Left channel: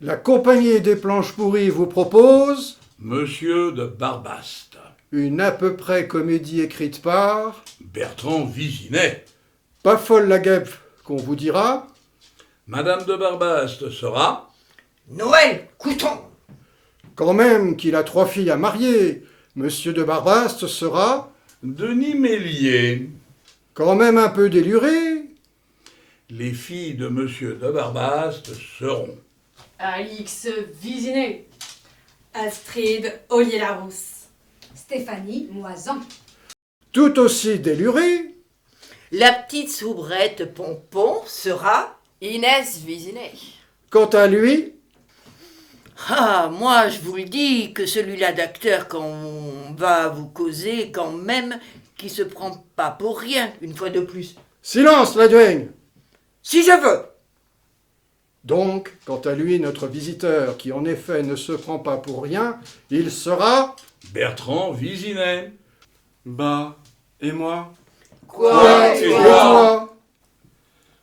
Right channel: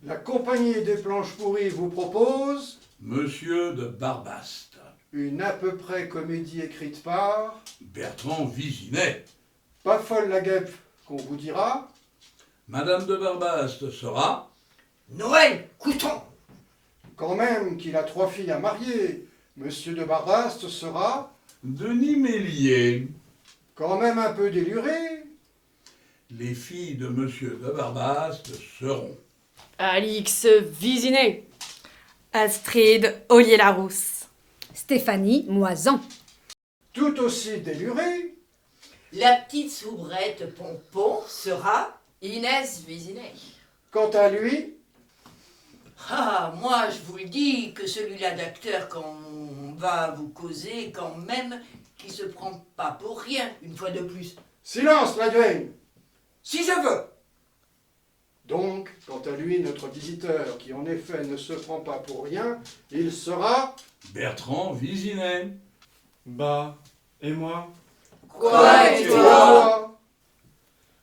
La compagnie des planches pourries vous propose Monsieur de Barbaste. une à peu près comédie écrite par Bertrand Visinet. Pas folle la guêpe qu'on vous dira. Madame de Barbaste sera Noël Couton. Quand même qu'il a 3 filles à marier, Monsieur de Barbaste sera Denis Mélier. quand même un peu déluré. Les filles de Monsieur de Barbaste seront Alix Visinet. Astrid Ollier-Larousse. Stéphanie Moisan. Tout aussi déluré. La petite soubrette Pompon sera... Inès Visinet. Quant à lui, Ah, moi je vous le dis que celui-là d'acteur qu'on va vous causer quand même, qui se prend pas pour rien, une fois de plus. silence la duègne. Si je veux. Donc, quant à lui, notre visiteur, qui en effet ne se prend pas pour rien, il sera Bertrand Visinet. Bah, et moi? Quoi, tu toi toi.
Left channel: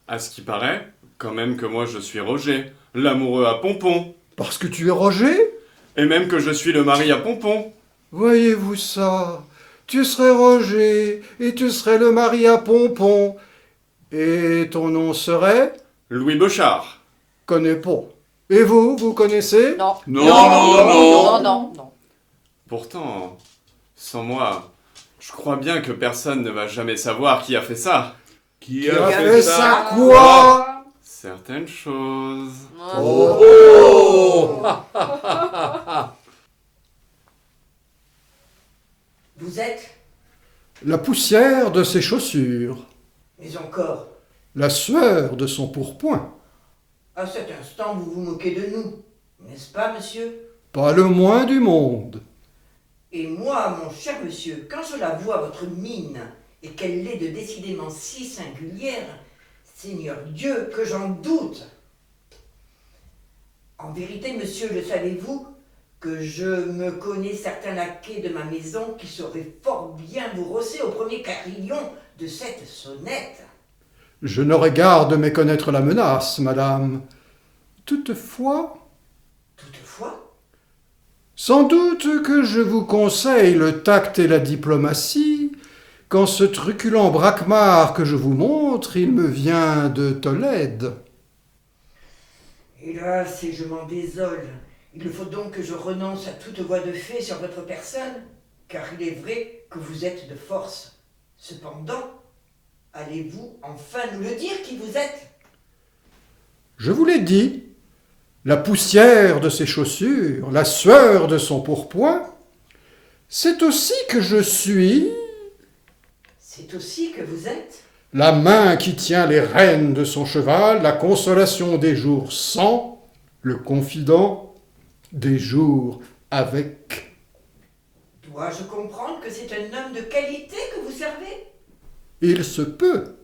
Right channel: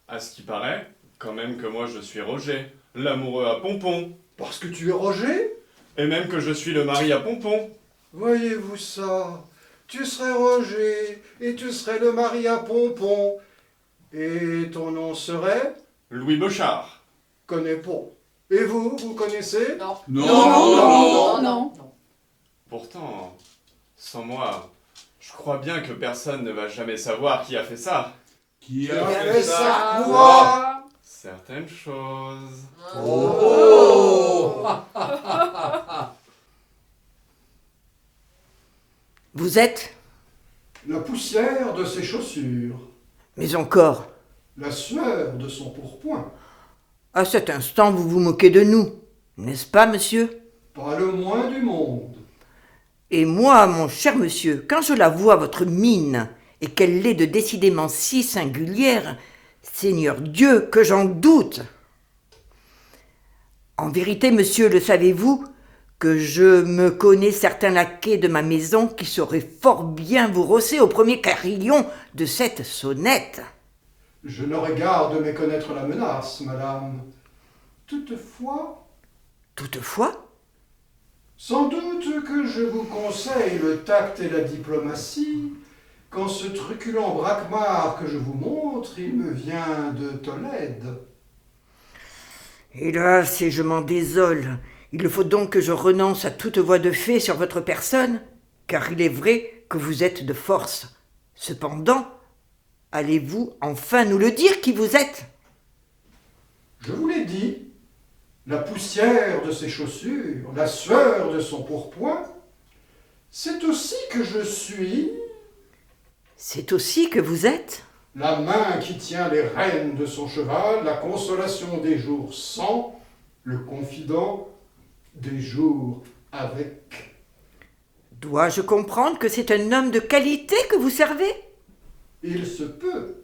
À ce qui paraît, quand même que moi je suis Roger, l'amoureux à Pompon. Parce que tu es Roger? Et même que je suis le mari à Pompon. Voyez-vous ça? Tu serais Roger, et tu serais le mari à Pompon. Et ton nom serait? Louis Bochard. Connais pas. Et vous, vous connaissez? Non. Non. Pourtant, sans moi, je crois bien que personne ne va jamais savoir qui a fait ça. Qui Qui a a fait fait ça? ça quoi? Certaines choses. Oh. Vous êtes? La poussière de ses chaussures, Mais encore, la sueur de son pourpoint. à cet instant vous vous moquez de nous, n'est-ce pas, monsieur? Pas le moins du monde. Et moi, mon cher monsieur, quand je la vois, votre mine, et qu'elle l'est de décidément si singulière, Seigneur Dieu, que j'en doute. En vérité, monsieur, le savez-vous, que je me connais certains laquais de ma maison qui sauraient fort bien vous rosser au premier carillon de cette sonnette. Je n'aurais garde de méconnaître la menace, madame. Toutefois, Toutefois, sans doute que je vous conseille le tact et la diplomatie, quand ce truculent braquemar que je vous montre, il me vient de Tolède. hélas, et je m'en désole, il faut donc que je renonce à toute voix de fait sur votre personne, car il est vrai que vous êtes de force. Cependant, allez-vous enfin nous le dire qui vous êtes? Je vous l'ai dit, la poussière de ses chaussures, la sueur de son pourpoint, c'est aussi que je suis C'est aussi que vous êtes? la main qui tient les rênes de son cheval, la consolation des jours sans, le confident des jours avec. Dois-je comprendre que c'est un homme de qualité que vous servez? Il se peut.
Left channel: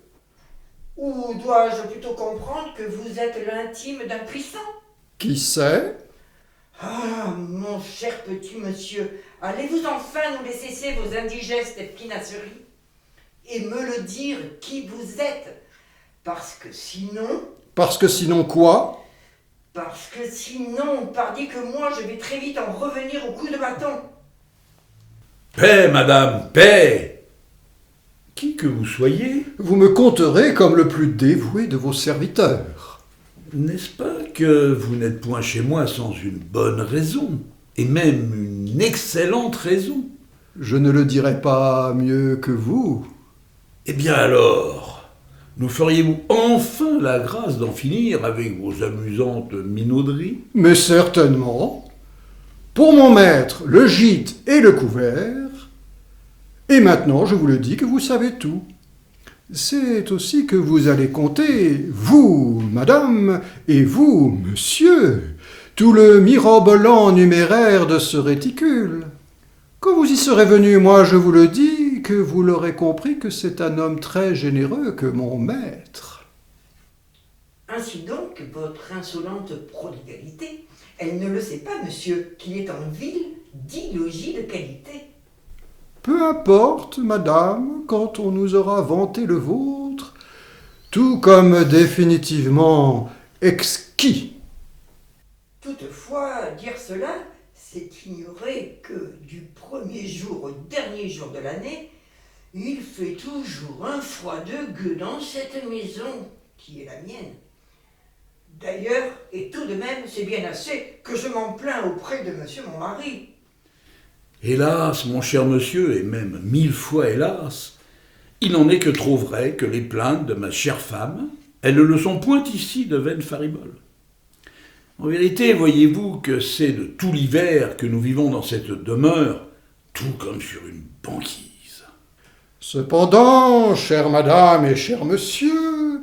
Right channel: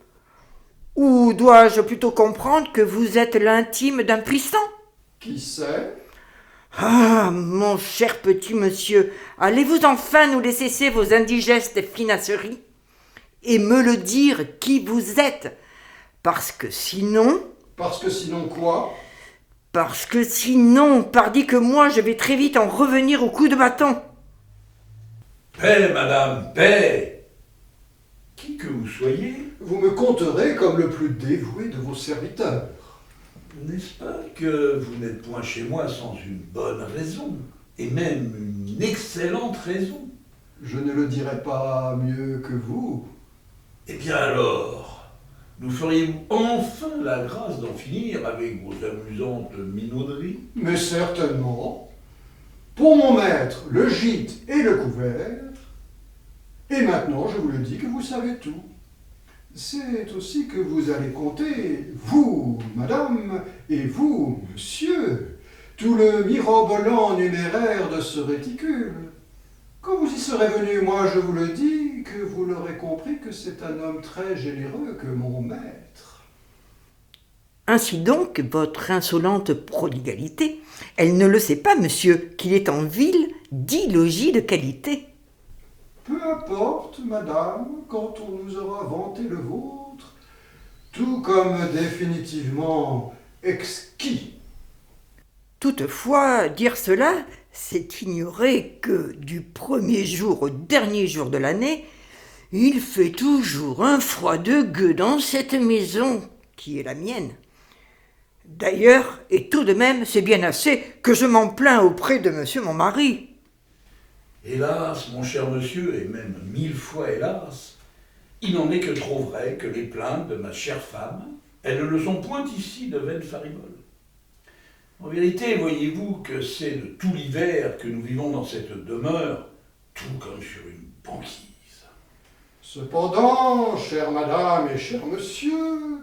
Ou dois-je plutôt comprendre que vous êtes l'intime d'un puissant? Qui sait? Ah, mon cher petit monsieur, allez-vous enfin nous laisser cesser vos indigestes finasseries et me le dire qui vous êtes? Parce que sinon, Parce que sinon, pardi que moi je vais très vite en revenir au coup de bâton. Paix, madame, paix. Qui que vous soyez, vous me compterez comme le plus dévoué de vos serviteurs. n'est-ce pas que vous n'êtes point chez moi sans une bonne raison, et même une excellente raison? Je ne le dirai pas mieux que vous. Eh bien alors, nous feriez-vous enfin la grâce d'en finir avec vos amusantes minauderies? Mais certainement, pour mon maître, le gîte et le couvert. Et maintenant, je vous le dis que vous savez tout. C'est aussi que vous allez compter, vous, madame, et vous, monsieur, tout le mirobolant numéraire de ce réticule. Quand vous y serez venu, moi je vous le dis, que vous l'aurez compris que c'est un homme très généreux que mon maître. Ainsi donc, votre insolente prodigalité, elle ne le sait pas, monsieur, qu'il est en ville 10 logis de qualité. Peu importe, madame, quand on nous aura vanté le vôtre, tout comme définitivement exquis. Toutefois, dire cela, c'est ignorer que du premier jour au dernier jour de l'année, il fait toujours un froid de gueux dans cette maison qui est la mienne. D'ailleurs, et tout de même, c'est bien assez que je m'en plains auprès de monsieur mon mari. Hélas, mon cher monsieur, et même 1000 fois hélas, il n'en est que trop vrai que les plaintes de ma chère femme, elles ne le sont point ici de vaines fariboles. En vérité, voyez-vous que c'est de tout l'hiver que nous vivons dans cette demeure, tout comme sur une banquise. Cependant, chère madame et cher monsieur,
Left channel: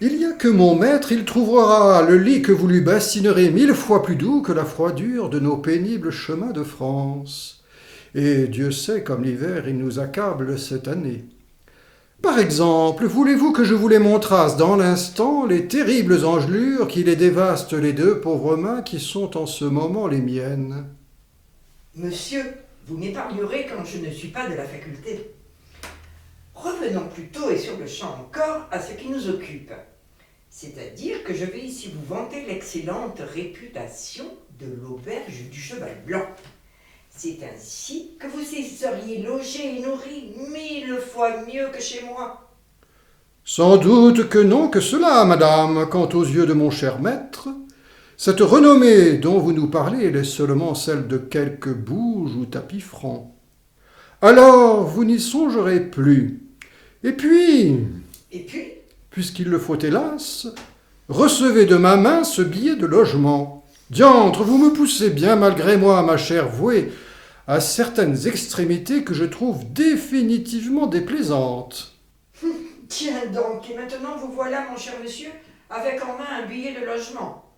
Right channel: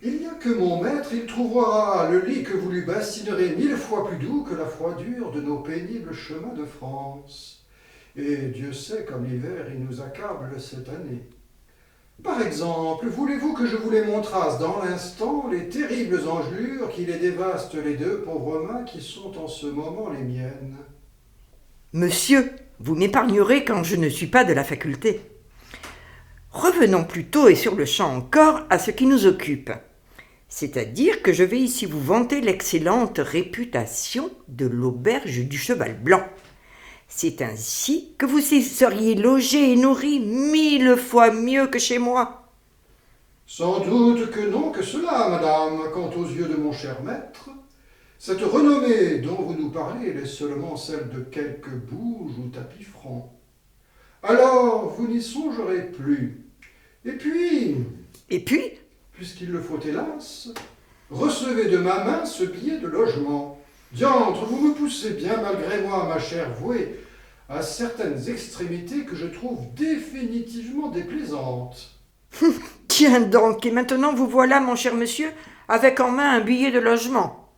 il y a que mon maître, il trouvera le lit que vous lui bassinerez 1000 fois plus doux que la froidure de nos pénibles chemins de France. Et Dieu sait comme l'hiver il nous accable cette année. Par exemple, voulez-vous que je vous les montrasse dans l'instant les terribles engelures qui les dévastent les 2 pauvres mains qui sont en ce moment les miennes? Monsieur, vous m'épargnerez quand je ne suis pas de la faculté. Revenons plutôt et sur le champ encore à ce qui nous occupe. C'est-à-dire que je vais ici vous vanter l'excellente réputation de l'auberge du Cheval Blanc. C'est ainsi que vous y seriez logé et nourri 1000 fois mieux que chez moi. Sans doute que non que cela, madame, quant aux yeux de mon cher maître. Cette renommée dont vous nous parlez est seulement celle de quelques bouges ou tapis francs. Alors, vous n'y songerez plus. Et puis, puisqu'il le faut hélas, recevez de ma main ce billet de logement. Diantre, vous me poussez bien malgré moi, ma chère vouée, à certaines extrémités que je trouve définitivement déplaisantes. Tiens donc, et maintenant vous voilà, mon cher monsieur, avec en main un billet de logement.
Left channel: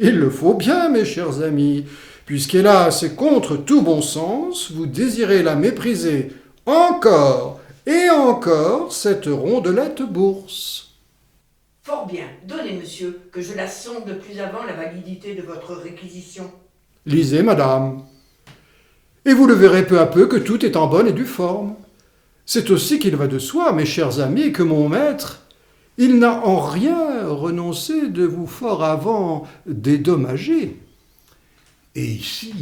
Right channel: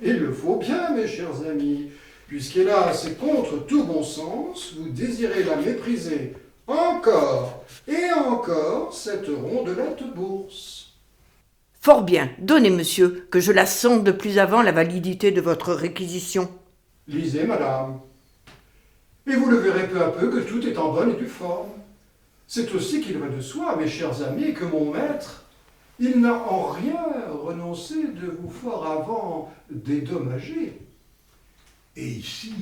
Il le faut bien, mes chers amis, puisqu'hélas, et contre tout bon sens, vous désirez la mépriser encore et encore, cette rondelette bourse. Fort bien, donnez, monsieur, que je la sonde plus avant la validité de votre réquisition. Lisez, madame, et vous le verrez peu à peu que tout est en bonne et due forme. C'est aussi qu'il va de soi, mes chers amis, que mon maître, il n'a en rien renoncé de vous fort avant dédommager. Et ici,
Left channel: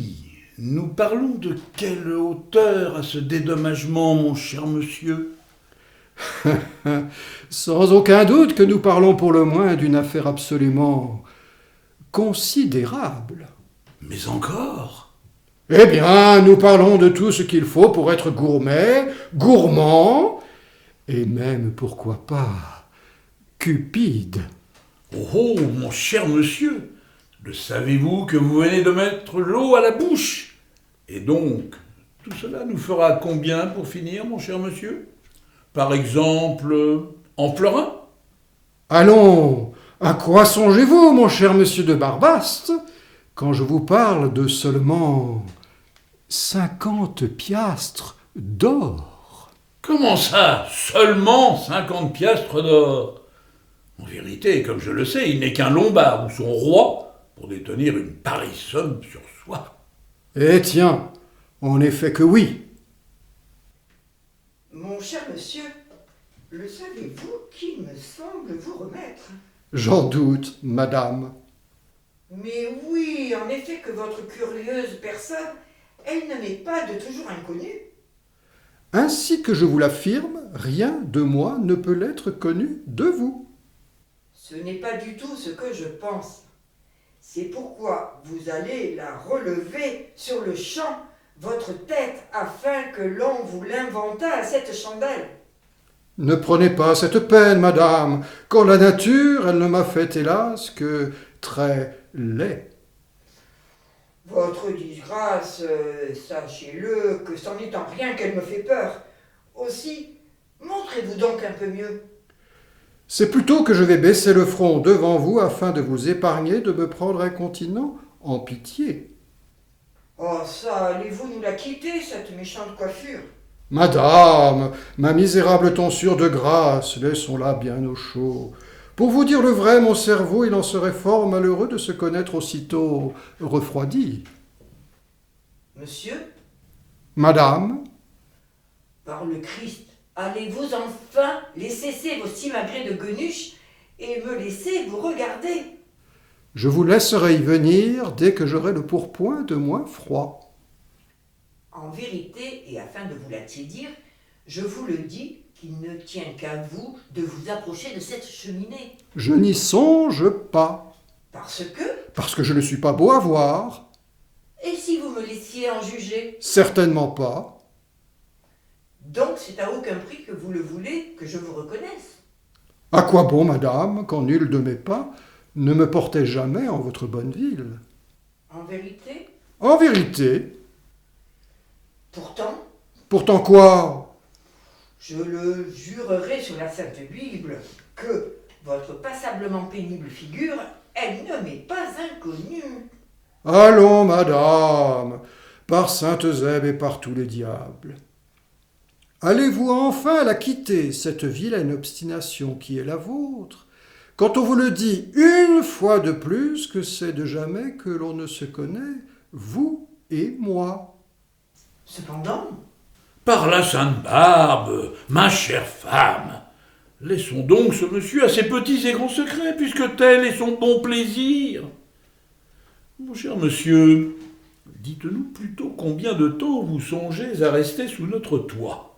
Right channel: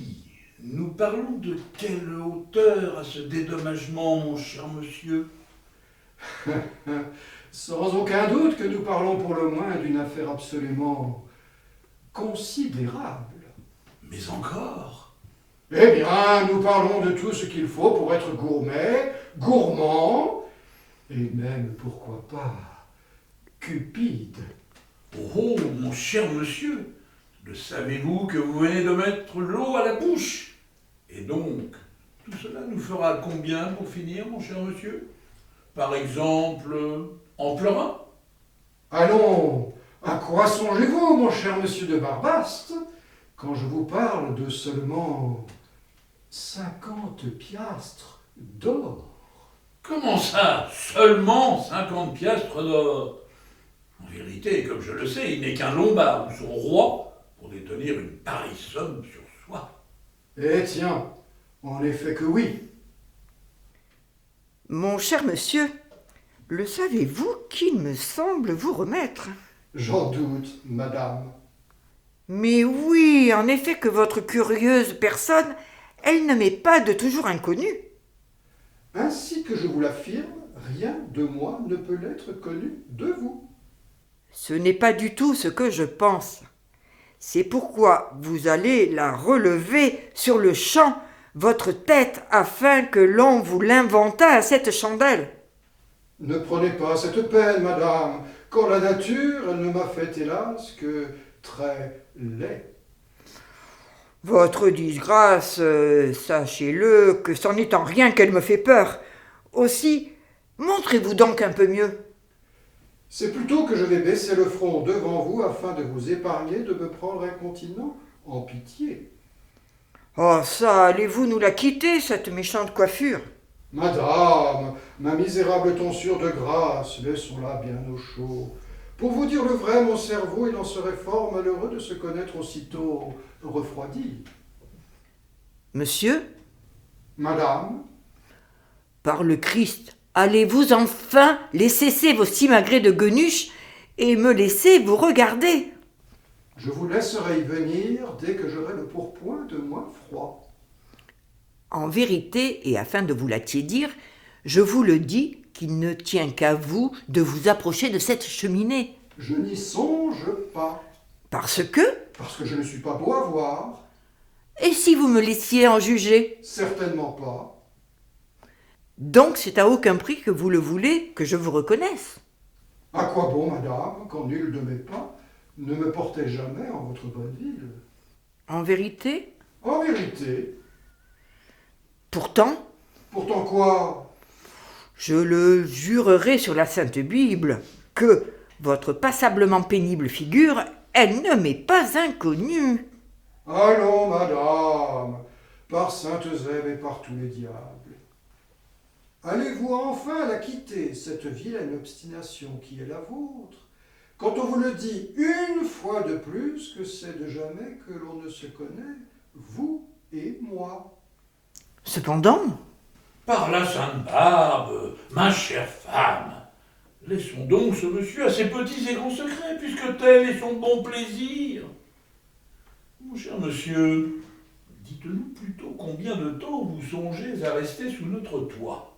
nous parlons de quelle hauteur à ce dédommagement, mon cher monsieur? Sans aucun doute que nous parlons pour le moins d'une affaire absolument considérable. Mais encore? Eh bien, nous parlons de tout ce qu'il faut pour être gourmet, gourmand, et même, pourquoi pas, cupide. Oh, mon cher monsieur, le savez-vous que vous venez de mettre l'eau à la bouche? Et donc, tout cela nous fera combien pour finir, mon cher monsieur? Par exemple, en pleurant? Allons, à quoi songez-vous, mon cher monsieur de Barbaste, quand je vous parle de seulement 50 piastres d'or? Comment ça, seulement 50 piastres d'or? En vérité, comme je le sais, il n'est qu'un lombard ou son roi pour détenir une pareille somme sur soi. Eh tiens, en effet que oui. Mon cher monsieur, le savez-vous qu'il me semble vous remettre? J'en doute, madame. Mais oui, en effet que votre curieuse personne, elle ne m'est pas de toujours inconnue. Ainsi que je vous l'affirme, rien de moi ne peut l'être connu de vous. Ce n'est pas du tout ce que je pense. C'est pourquoi vous allez la relever sur le champ, votre tête, afin que l'on vous l'inventât à cette chandelle. Ne prenez pas cette peine, madame, quand la nature, elle ne m'a fait, hélas, que très laid. Votre disgrâce, sachez-le, que c'en est en rien qu'elle me fait peur. Aussi, montrez-vous donc un peu mieux. C'est plutôt que je vais baisser le front devant vous afin de vous épargner de me prendre incontinent en pitié. Oh ça, allez-vous nous la quitter, cette méchante coiffure? Madame, ma misérable tonsure de grâce, laissons-la bien au chaud. Pour vous dire le vrai, mon cerveau, il en serait fort malheureux de se connaître aussitôt refroidi. Monsieur, Madame, par le Christ, allez-vous enfin laisser cesser vos simagrées de guenuches et me laisser vous regarder? Je vous laisserai y venir dès que j'aurai le pourpoint de moins froid. En vérité, et afin de vous l'attiédir, je vous le dis qu'il ne tient qu'à vous de vous approcher de cette cheminée. Je n'y songe pas, Parce que, parce que je ne suis pas beau à voir. et si vous me laissiez en juger? Certainement pas. Donc c'est à aucun prix que vous le voulez que je vous reconnaisse. À quoi bon, madame, quand nul de mes pas ne me portait jamais en votre bonne ville? En vérité, En vérité, pourtant, quoi? je le jurerai sur la Sainte Bible que votre passablement pénible figure, elle ne m'est pas inconnue. Allons, madame, par sainte Zèbe et par tous les diables. Allez-vous enfin la quitter, cette vilaine obstination qui est la vôtre, quand on vous le dit une fois de plus que c'est de jamais que l'on ne se connaît, vous et moi? Cependant, Par la Sainte Barbe, ma chère femme, laissons donc ce monsieur à ses petits et grands secrets, puisque tel est son bon plaisir. Mon cher monsieur, dites-nous plutôt combien de temps vous songez à rester sous notre toit,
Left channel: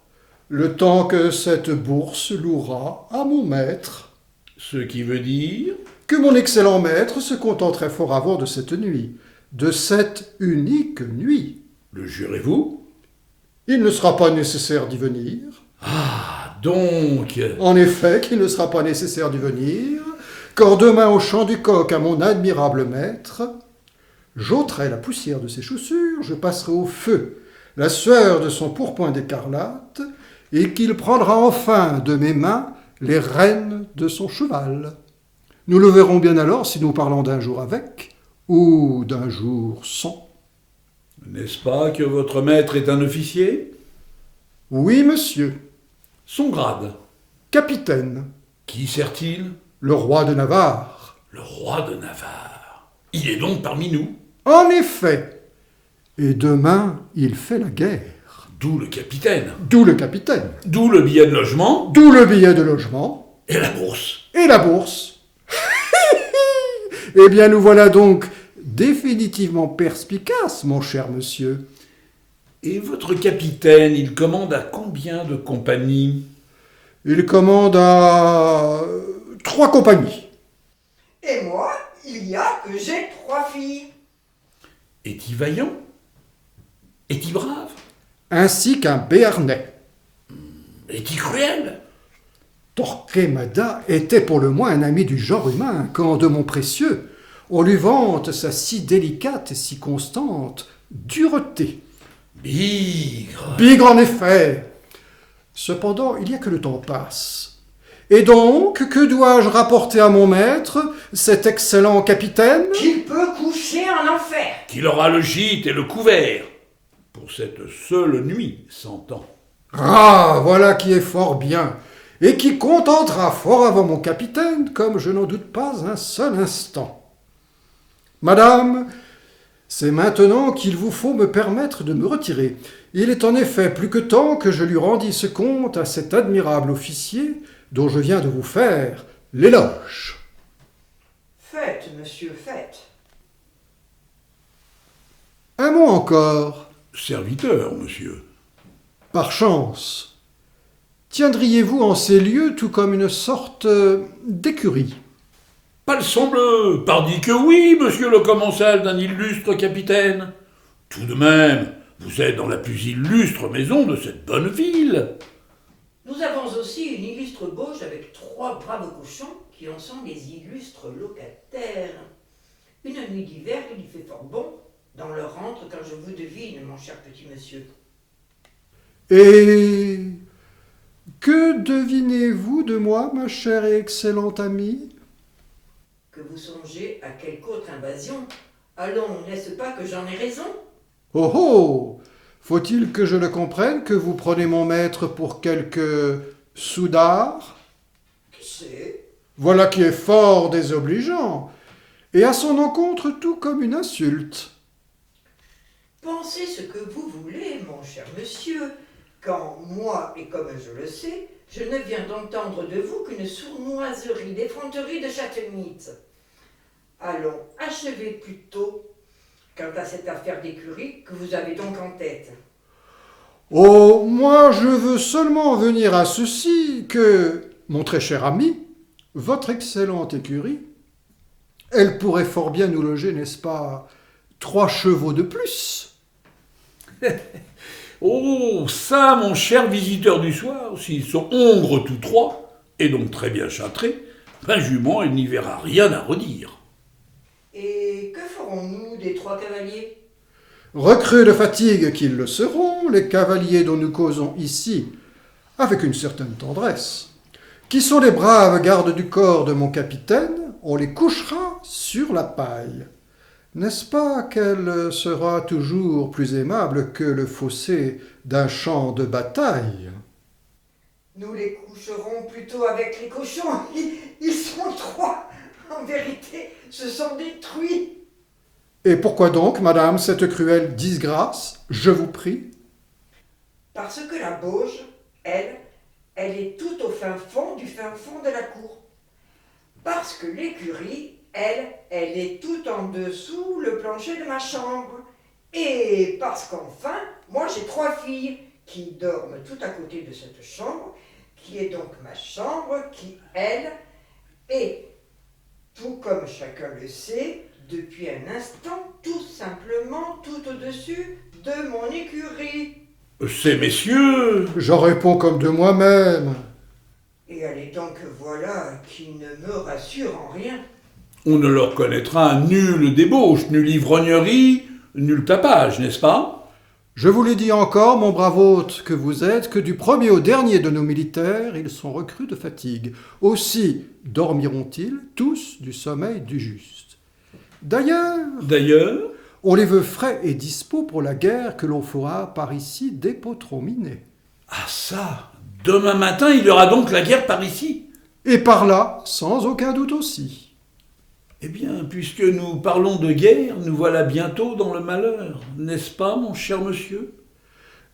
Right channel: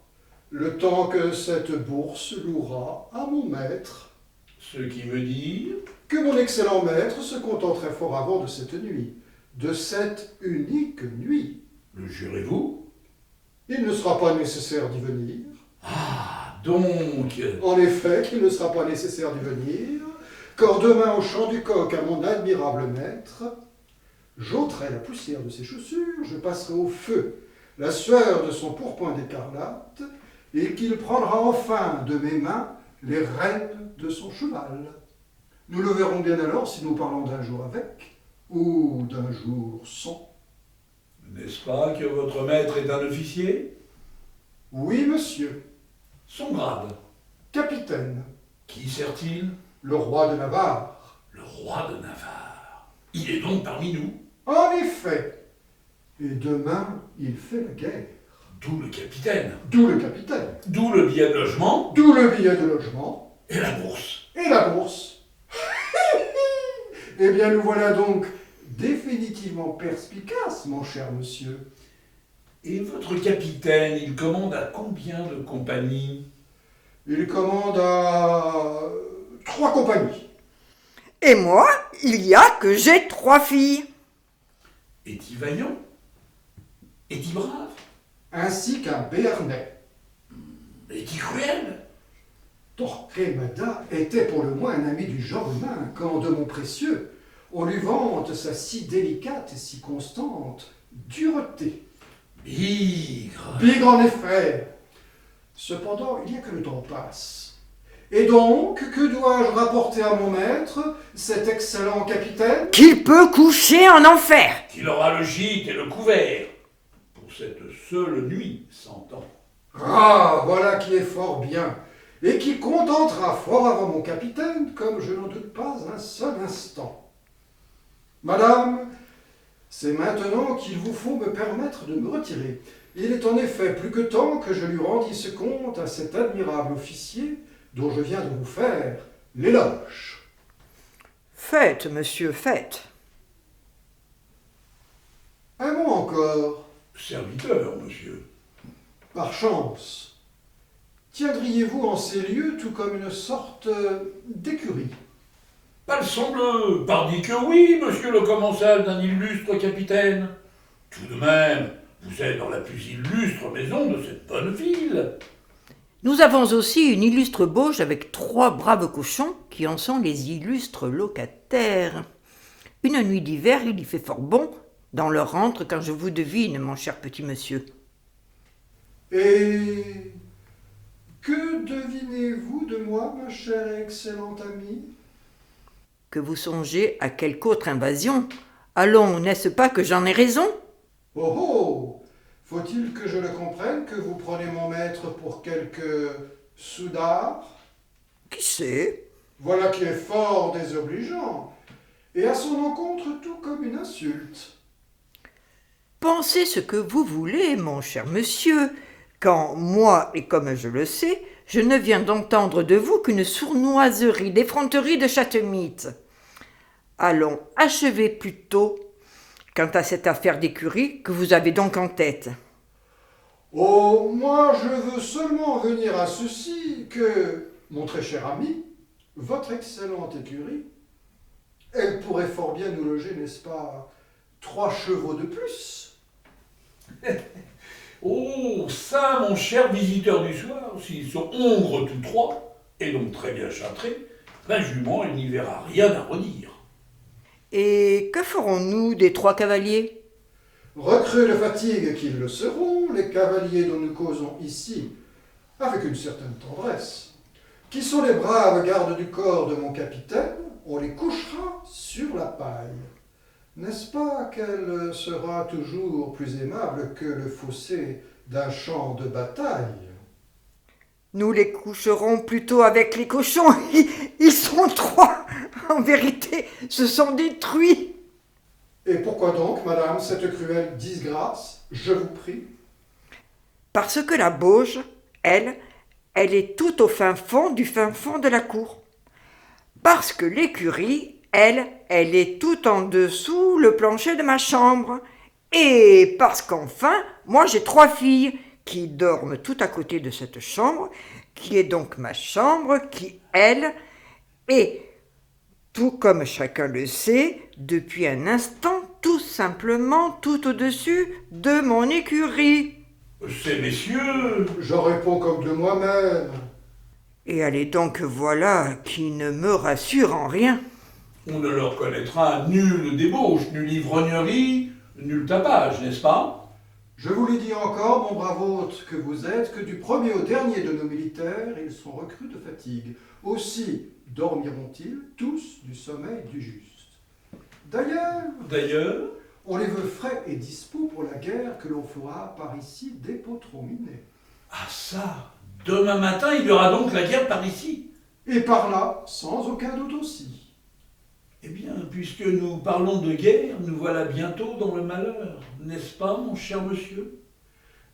Le temps que cette bourse louera à mon maître, ce qui veut dire... que mon excellent maître se contenterait fort avant de cette nuit, de cette unique nuit. Le jurez-vous? Il ne sera pas nécessaire d'y venir. Ah, donc... En effet, qu'il ne sera pas nécessaire d'y venir, quand demain au chant du coq à mon admirable maître, j'ôterai la poussière de ses chaussures, je passerai au feu la sueur de son pourpoint d'écarlate, et qu'il prendra enfin de mes mains les rênes de son cheval. Nous le verrons bien alors si nous parlons d'un jour avec, ou d'un jour sans. N'est-ce pas que votre maître est un officier? Oui, monsieur, Son grade, capitaine, qui sert-il? le roi de Navarre. Le roi de Navarre. Il est donc parmi nous, En effet, et demain il fait la guerre. d'où le capitaine, D'où le capitaine, d'où le billet de logement d'où le billet de logement et la bourse. et la bourse. Eh bien, nous voilà donc définitivement perspicaces, mon cher monsieur. Et votre capitaine, il commande à combien de compagnies? Il commande à 3 compagnies. et moi, il y a que j'ai 3 filles. Est-il vaillant? Est-il brave? Ainsi qu'un béarnais. Est-il cruel? Torquemada était pour le moins un ami du genre humain, quand de mon précieux, on lui vante sa si délicate et si constante dureté. Bigre. Bigre en effet. Cependant, il y a que le temps passe. Et donc, que dois-je rapporter à mon maître, cet excellent capitaine? Qu'il peut coucher en enfer. Qu'il aura le gîte et le couvert. Pour cette seule nuit, s'entend. Ah, voilà qui est fort bien, et qui contentera fort avant mon capitaine, comme je n'en doute pas un seul instant. Madame, c'est maintenant qu'il vous faut me permettre de me retirer. Il est en effet plus que temps que je lui rendisse compte à cet admirable officier dont je viens de vous faire l'éloge. Faites, monsieur, faites. Un mot encore, Serviteur, monsieur. par chance. Tiendriez-vous en ces lieux tout comme une sorte d'écurie? Palsambleu, pardi que oui, monsieur le commensal d'un illustre capitaine. Tout de même, vous êtes dans la plus illustre maison de cette bonne ville. Nous avons aussi une illustre bauge avec 3 braves cochons qui en sont les illustres locataires. Une nuit d'hiver, il y fait fort bon dans leur antre quand je vous devine, mon cher petit monsieur. Et que devinez-vous de moi, ma chère et excellente amie? Que vous songez à quelque autre invasion. Allons, n'est-ce pas que j'en ai raison? Oh oh! Faut-il que je le comprenne que vous prenez mon maître pour quelque soudard? Qui sait? Voilà qui est fort désobligeant, et à son encontre tout comme une insulte. Pensez ce que vous voulez, mon cher monsieur, quand moi, et comme je le sais, je ne viens d'entendre de vous qu'une sournoiserie d'effronterie de chatte-mythe. Allons, achevez plutôt quant à cette affaire d'écurie que vous avez donc en tête. Oh, moi je veux seulement venir à ceci que, mon très cher ami, votre excellente écurie, elle pourrait fort bien nous loger, n'est-ce pas, 3 chevaux de plus. Oh, ça, mon cher visiteur du soir, s'ils sont hongres tous trois, et donc très bien châtrés, un jument, il n'y verra rien à redire. Et que ferons-nous des 3 cavaliers? Recrues de fatigue qu'ils le seront, les cavaliers dont nous causons ici, avec une certaine tendresse, qui sont les braves gardes du corps de mon capitaine, on les couchera sur la paille. N'est-ce pas qu'elle sera toujours plus aimable que le fossé d'un champ de bataille? Nous les coucherons plutôt avec les cochons. Ils sont 3. En vérité, se sont détruits. Et pourquoi donc, madame, cette cruelle disgrâce, je vous prie? Parce que la bauge, elle est tout au fin fond de la cour. Parce que l'écurie, elle est tout en dessous le plancher de ma chambre. Et parce qu'enfin, moi j'ai 3 filles qui dorment tout à côté de cette chambre, qui est donc ma chambre, qui, elle, est, tout comme chacun le sait, depuis un instant, tout simplement tout au-dessus de mon écurie. Ces messieurs... J'en réponds comme de moi-même. Et allez donc voilà qui ne me rassure en rien. On ne leur connaîtra nulle débauche, nulle ivrognerie, nul tapage, n'est-ce pas? Je vous l'ai dit encore, mon brave hôte que vous êtes, que du premier au dernier de nos militaires, ils sont recrues de fatigue. Aussi dormiront-ils tous du sommeil du juste. D'ailleurs, on les veut frais et dispos pour la guerre que l'on fera par ici dès Potromine. ah ça, demain matin, il y aura donc la guerre par ici. Et par là, sans aucun doute aussi. Eh bien, puisque nous parlons de guerre, nous voilà bientôt dans le malheur, n'est-ce pas, mon cher monsieur?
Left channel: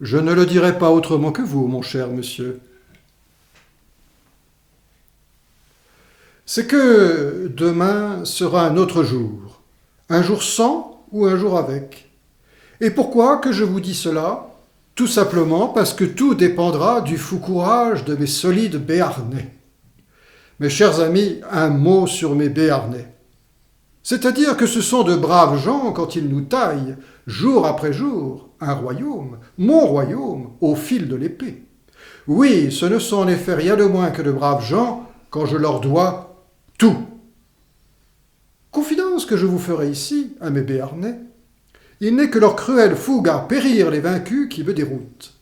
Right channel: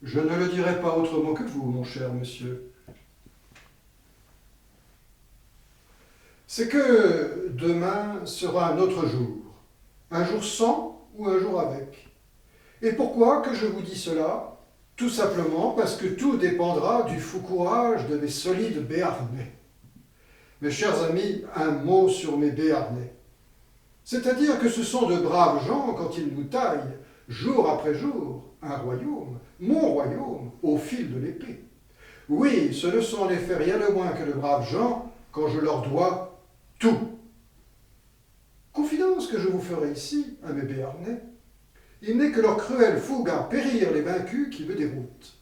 Je ne le dirai pas autrement que vous, mon cher monsieur. C'est que demain sera un autre jour. Un jour sans ou un jour avec. Et pourquoi que je vous dis cela? Tout simplement parce que tout dépendra du fou courage de mes solides Béarnais. Mes chers amis, un mot sur mes Béarnais. C'est-à-dire que ce sont de braves gens quand ils nous taillent, jour après jour, un royaume, mon royaume, au fil de l'épée. Oui, ce ne sont en effet rien de moins que de braves gens quand je leur dois tout. Confidence que je vous ferai ici, à mes Béarnais, il n'est que leur cruelle fougue à périr les vaincus qui me déroutent.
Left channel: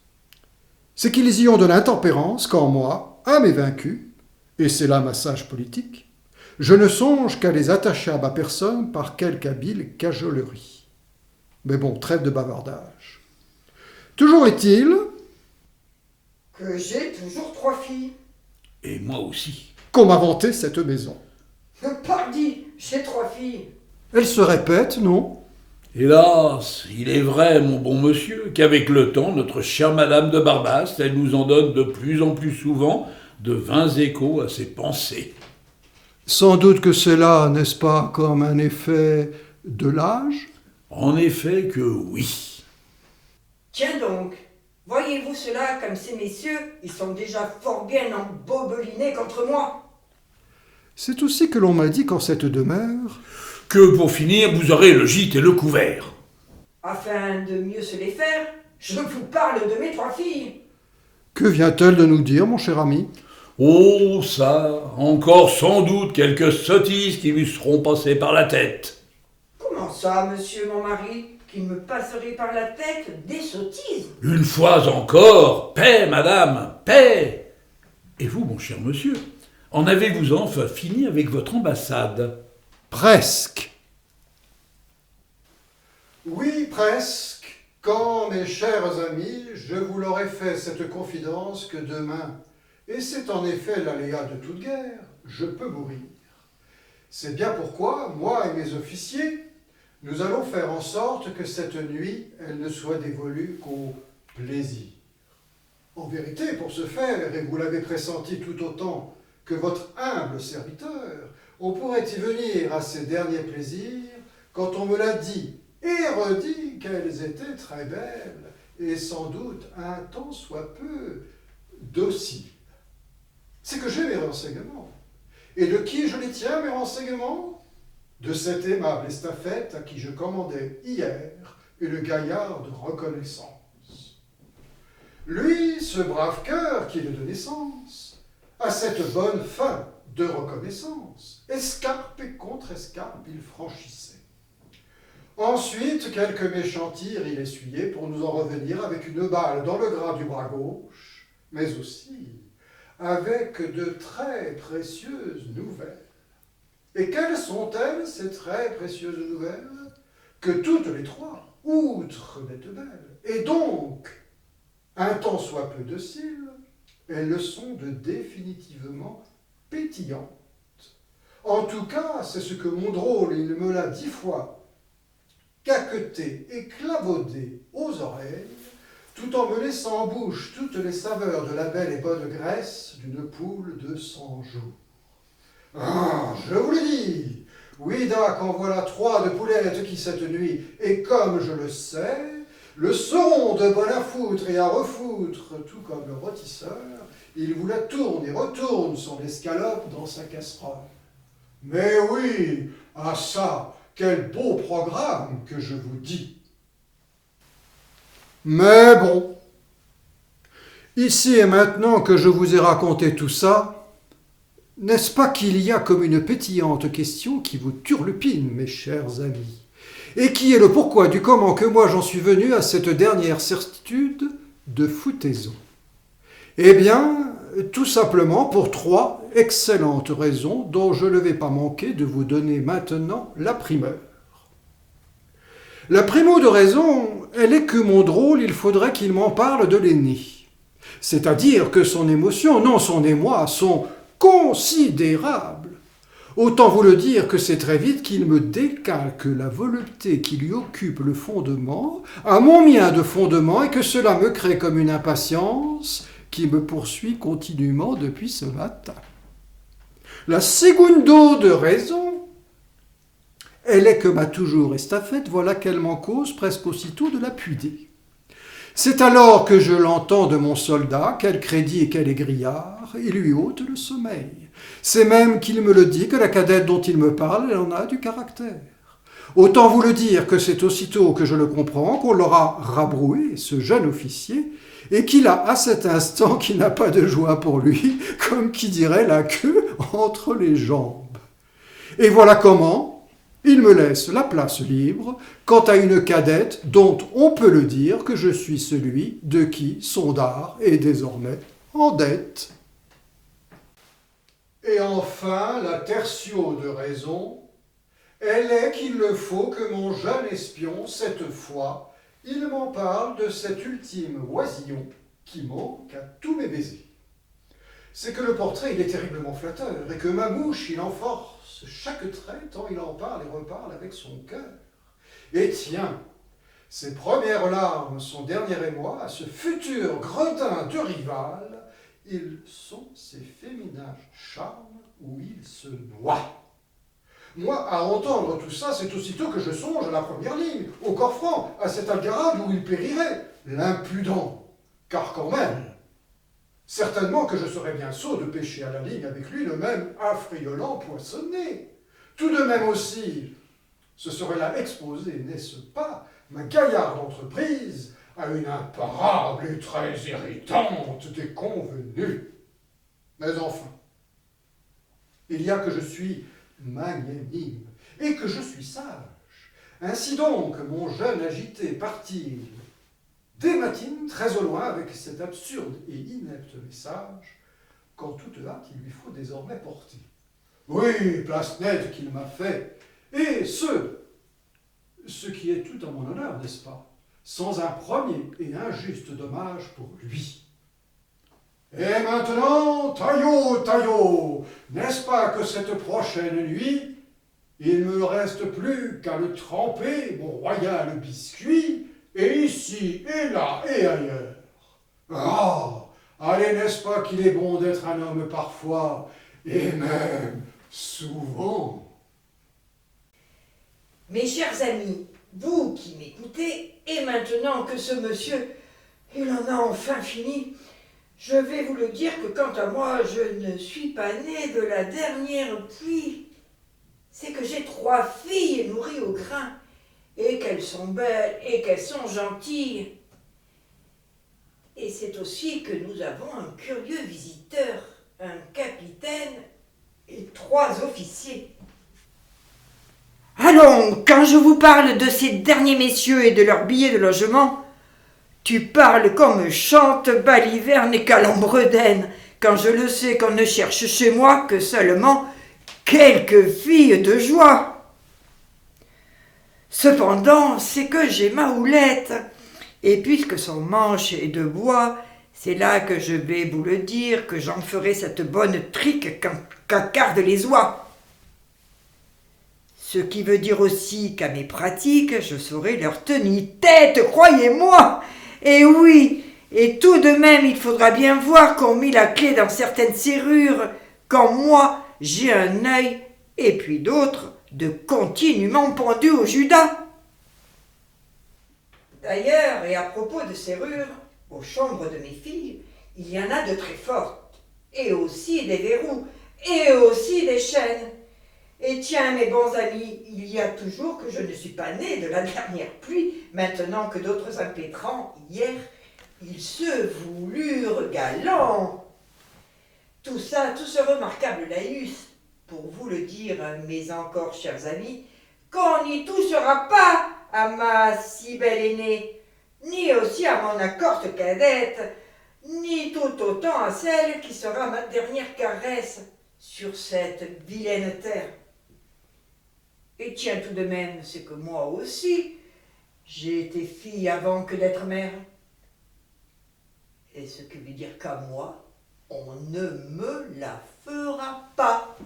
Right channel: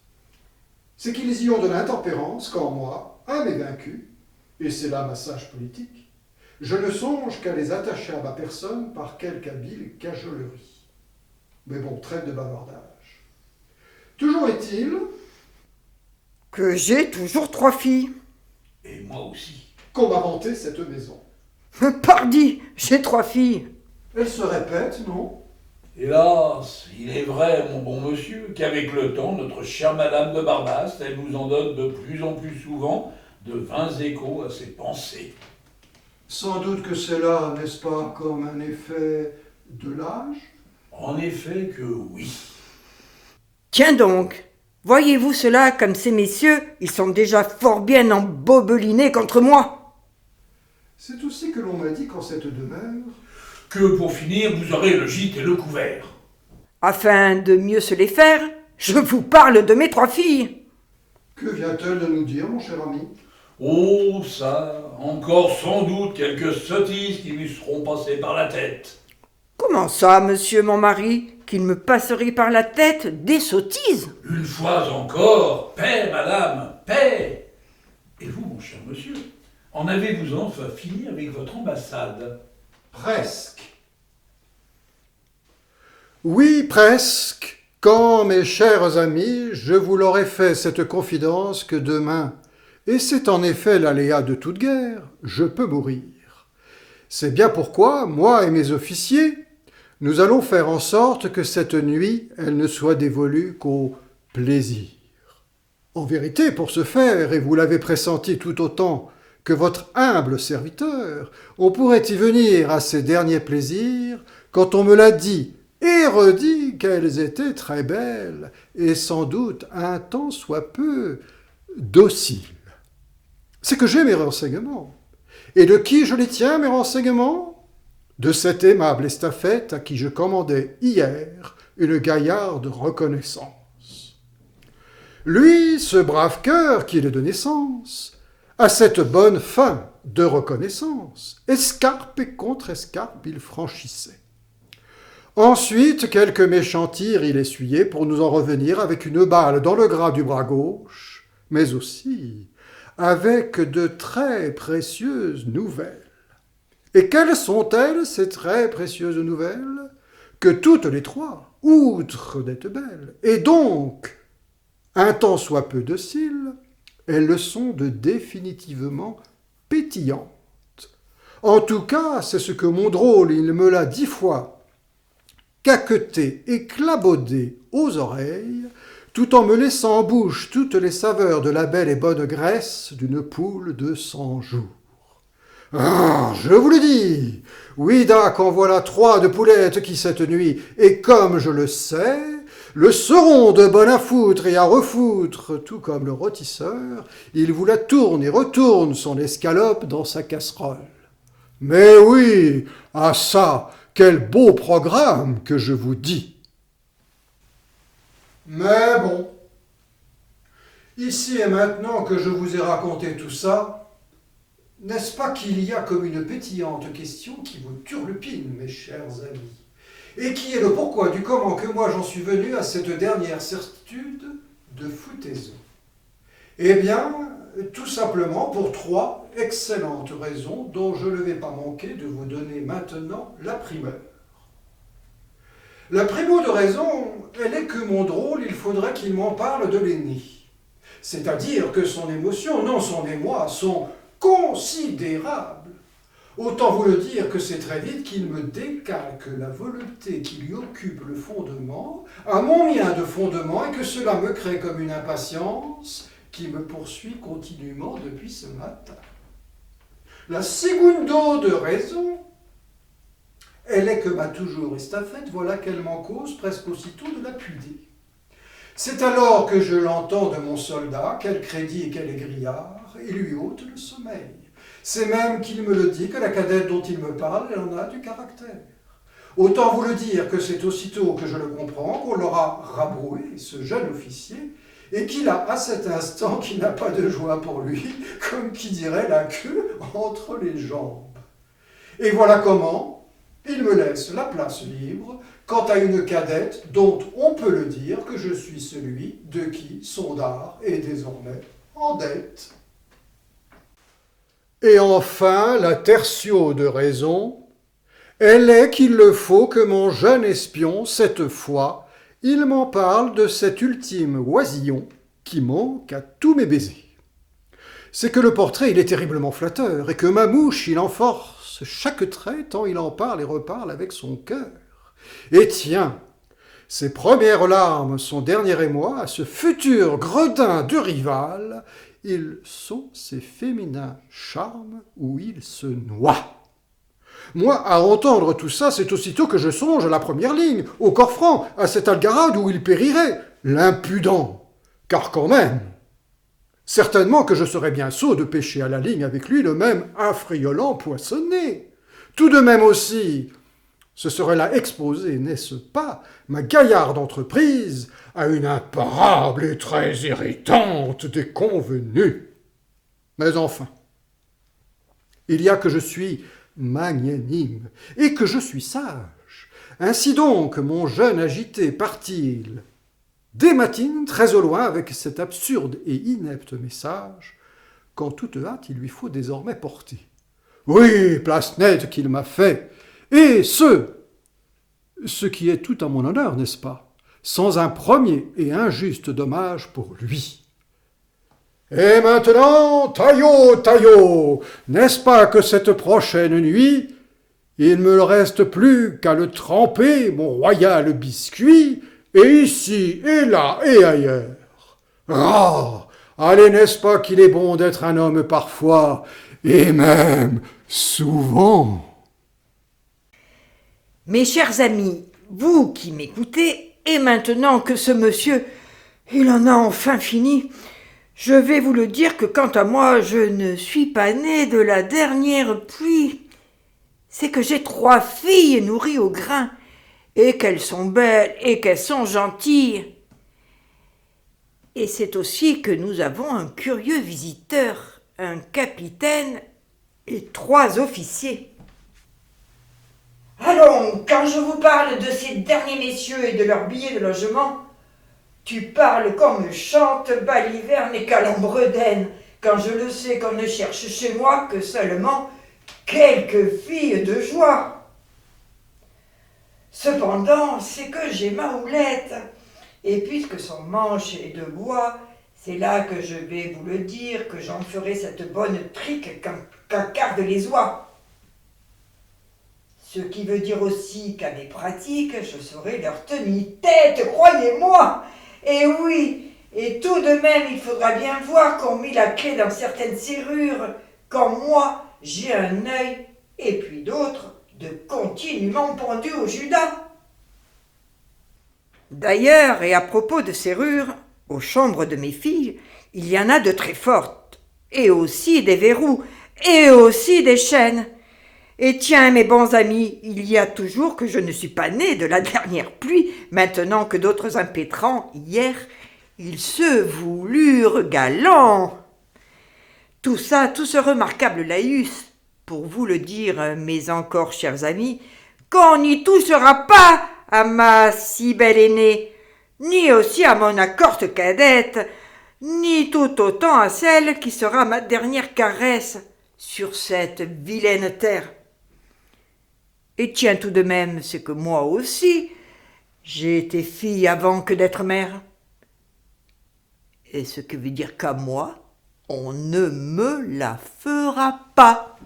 C'est qu'ils y ont de l'intempérance quand moi, à mes vaincus, et c'est là ma sage politique, je ne songe qu'à les attacher à ma personne par quelque habile cajolerie. Mais bon, trêve de bavardage. Toujours est-il Que j'ai toujours 3 filles. Et moi aussi. qu'on m'a vanté cette maison. Pardi, j'ai 3 filles. Elle se répète, non? Hélas, il est vrai, mon bon monsieur, qu'avec le temps, notre chère Madame de Barbaste, elle nous en donne de plus en plus souvent de vains échos à ses pensées. Sans doute que c'est là, n'est-ce pas, comme un effet de l'âge? En effet que oui. Tiens donc, voyez-vous cela comme ces messieurs, ils sont déjà fort bien embobelinés contre moi. C'est aussi que l'on m'a dit qu'en cette demeure... Que pour finir, vous aurez le gîte et le couvert. Afin de mieux se les faire, je vous parle de mes 3 filles. Que vient-elle de nous dire, mon cher ami? Oh, ça, encore sans doute quelques sottises qui lui seront passées par la tête. Comment ça, monsieur mon mari, qu'il me passerait par la tête des sottises? Une fois encore, paix, madame, paix. Et vous, mon cher monsieur, en avez-vous enfin fini avec votre ambassade? Presque. Oui, presque. Quand, mes chers amis, je vous l'aurai fait cette confidence que demain, et c'est en effet l'aléa de toute guerre, je peux mourir. C'est bien pourquoi, moi et mes officiers, nous allons faire en sorte que cette nuit, elle ne soit dévolue qu'au plaisir. En vérité, pour ce faire, et vous l'avez pressenti tout autant que votre humble serviteur, on pourrait y venir à ces derniers plaisirs quand on me l'a dit et redit qu'elles étaient très belles et sans doute un tant soit peu dociles. C'est que j'ai mes renseignements. Et de qui je les tiens, mes renseignements? De cette aimable estafette à qui je commandais hier une gaillarde reconnaissance. Lui, ce brave cœur qu'il est de naissance, a cette bonne fin de reconnaissance. Escarpe et contre-escarpe, il franchissait. Ensuite, quelques méchants tirs il essuyait pour nous en revenir avec une balle dans le gras du bras gauche, mais aussi avec de très précieuses nouvelles. Et quelles sont-elles, ces très précieuses nouvelles? Que toutes les trois, outre d'être belles, et donc un tant soit peu dociles, elles le sont de définitivement pétillantes. En tout cas, c'est ce que mon drôle, il me l'a 10 fois caqueté et clabaudé aux oreilles, tout en me laissant en bouche toutes les saveurs de la belle et bonne graisse d'une poule de 100 jours. Ah, je vous le dis, oui, dac, en voilà 3 de poulettes qui cette nuit, et comme je le sais, le seront de bonne à foutre et à refoutre, tout comme le rôtisseur, il vous la tourne et retourne son escalope dans sa casserole. Mais oui, ah ça, quel beau programme que je vous dis. Mais bon, ici et maintenant que je vous ai raconté tout ça, n'est-ce pas qu'il y a comme une pétillante question qui vous turlupine, mes chers amis, et qui est le pourquoi du comment que moi j'en suis venu à cette dernière certitude de foutaison? Eh bien, tout simplement pour 3 excellentes raisons dont je ne vais pas manquer de vous donner maintenant la primeur. La primo de raison, elle est que mon drôle, il faudrait qu'il m'en parle de l'aîné. C'est-à-dire que son émotion, non son émoi, sont considérables. Autant vous le dire que c'est très vite qu'il me décalque la volupté qui lui occupe le fondement à mon mien de fondement et que cela me crée comme une impatience qui me poursuit continuellement depuis ce matin. La secundo de raison, elle est que m'a toujours estafette, voilà qu'elle m'en cause presque aussitôt de la puider. C'est alors que je l'entends de mon soldat, quel crédit et quel égrillard, et lui ôte le sommeil. C'est même qu'il me le dit que la cadette dont il me parle, elle en a du caractère. Autant vous le dire que c'est aussitôt que je le comprends qu'on l'aura rabroué, ce jeune officier, et qu'il a à cet instant qu'il n'a pas de joie pour lui, comme qui dirait la queue entre les jambes. Et voilà comment il me laisse la place libre quant à une cadette dont on peut le dire que je suis celui de qui son dard est désormais en dette. Et enfin, la tertio de raison, elle est qu'il le faut que mon jeune espion, cette fois, il m'en parle de cet ultime oisillon qui manque à tous mes baisers. C'est que le portrait, il est terriblement flatteur, et que ma mouche, il en force chaque trait tant il en parle et reparle avec son cœur. Et tiens, ses premières larmes, son dernier émoi, à ce futur gredin de rival, ils sont ces féminins charmes où il se noie. Moi, à entendre tout ça, c'est aussitôt que je songe à la première ligne, au corps franc, à cette algarade où il périrait, l'impudent, car quand même, certainement que je serais bien sot de pêcher à la ligne avec lui le même affriolant poissonnet. Tout de même aussi, ce serait là exposer, n'est-ce pas, ma gaillarde entreprise à une imparable et très irritante déconvenue. Mais enfin, il y a que je suis magnanime et que je suis sage. Ainsi donc, mon jeune agité part-il dès matine, très au loin, avec cet absurde et inepte message, qu'en toute hâte il lui faut désormais porter. Oui, place nette qu'il m'a fait, et ce qui est tout à mon honneur, n'est-ce pas, sans un premier et injuste dommage pour lui. Et maintenant, taillot, n'est-ce pas que cette prochaine nuit, il ne me reste plus qu'à le tremper, mon royal biscuit, et ici, et là, et ailleurs. Ah, allez, n'est-ce pas qu'il est bon d'être un homme parfois, et même souvent. Mes chers amis, vous qui m'écoutez, et maintenant que ce monsieur, il en a enfin fini, je vais vous le dire que quant à moi, je ne suis pas né de la dernière pluie. C'est que j'ai 3 filles nourries au grain, et qu'elles sont belles et qu'elles sont gentilles. Et c'est aussi que nous avons un curieux visiteur, un capitaine et 3 officiers. Allons, quand je vous parle de ces derniers messieurs et de leurs billets de logement, tu parles comme chante Baliverne et Calembredaine, quand je le sais qu'on ne cherche chez moi que seulement quelques filles de joie. Cependant, c'est que j'ai ma houlette, et puisque son manche est de bois, c'est là que je vais vous le dire, que j'en ferai cette bonne trique qu'accardent les oies. Ce qui veut dire aussi qu'à mes pratiques, je saurai leur tenir tête, croyez-moi. Et oui, et tout de même, il faudra bien voir qu'on mit la clé dans certaines serrures, quand moi, j'ai un œil, et puis d'autres, de continuellement pendus au Judas. D'ailleurs, et à propos de serrures, aux chambres de mes filles, il y en a de très fortes, et aussi des verrous, et aussi des chaînes. Et tiens, mes bons amis, il y a toujours que je ne suis pas né de la dernière pluie, maintenant que d'autres impétrants, hier, ils se voulurent galants. Tout ça, tout ce remarquable laïus, pour vous le dire, mes encore chers amis, qu'on n'y touchera pas à ma si belle aînée, ni aussi à mon accorte cadette, ni tout autant à celle qui sera ma dernière caresse sur cette vilaine terre. Et tiens tout de même, c'est que moi aussi, j'ai été fille avant que d'être mère. Et ce que veut dire qu'à moi, on ne me la fera pas.